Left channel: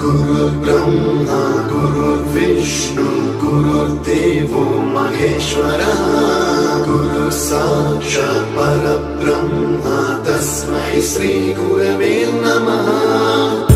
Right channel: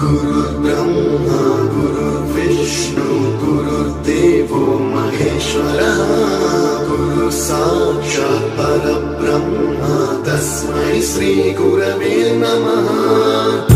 गुरुर्ब्रह्मा गुरुर्विष्णु गुरुर्देवो महेश्वरः गुरुः साक्षात् परब्रह्म तस्मै श्री गुरवे नमः।